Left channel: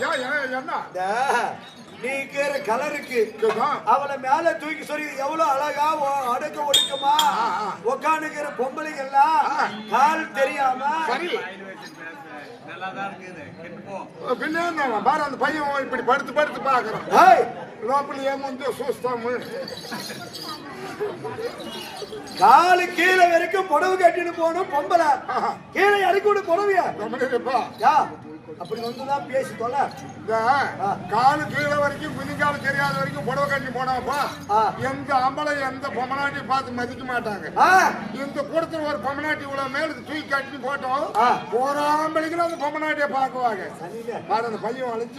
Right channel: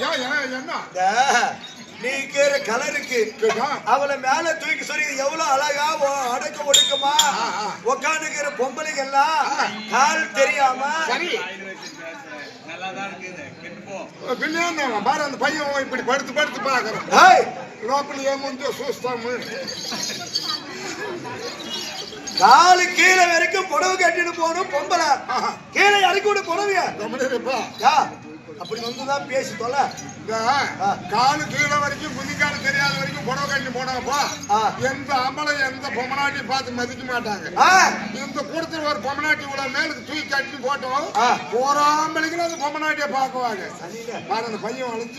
என்ன நீ கேற கலருக்கு அவளை மேல தூக்கி சொல்லி எவ்வளவு அழகா அடக்க ஒடுக்கமா உட்காந்துக்கிற பொம்பளைங்க எல்லாம் கால் தெரியாம பாரு அந்த பையன் இப்படி படுத்து படுத்து பாக்குறான் லோப்பல் ஏமுந்து சூஸ்தாமு காலு கீழே வரைக்கும் புடவை கட்டிட்டு போகணும் பொம்பளை கீழே இறக்கி விட புடவையா அப்படி வந்துதான் பேசி தொலை காலு கீழே வரைக்கும் குதிக்காலு தெரியாத வரைக்கும் புடவை கட்டி போனாப்பா எந்த அம்பளை எந்த பொம்மநாட்டி பார்த்து மதிக்க மாட்டாங்க இந்த கூடத்துல ஒரு பொம்மநாட்டி இவ்வளவு மேலுக்கு தூக்கி கட்டி போட்டோம் போறாம்பளிக்கல அந்த பொம்மநாட்டிய பாக்குவாங்க பாரு அந்த பையன் அழிஞ்சு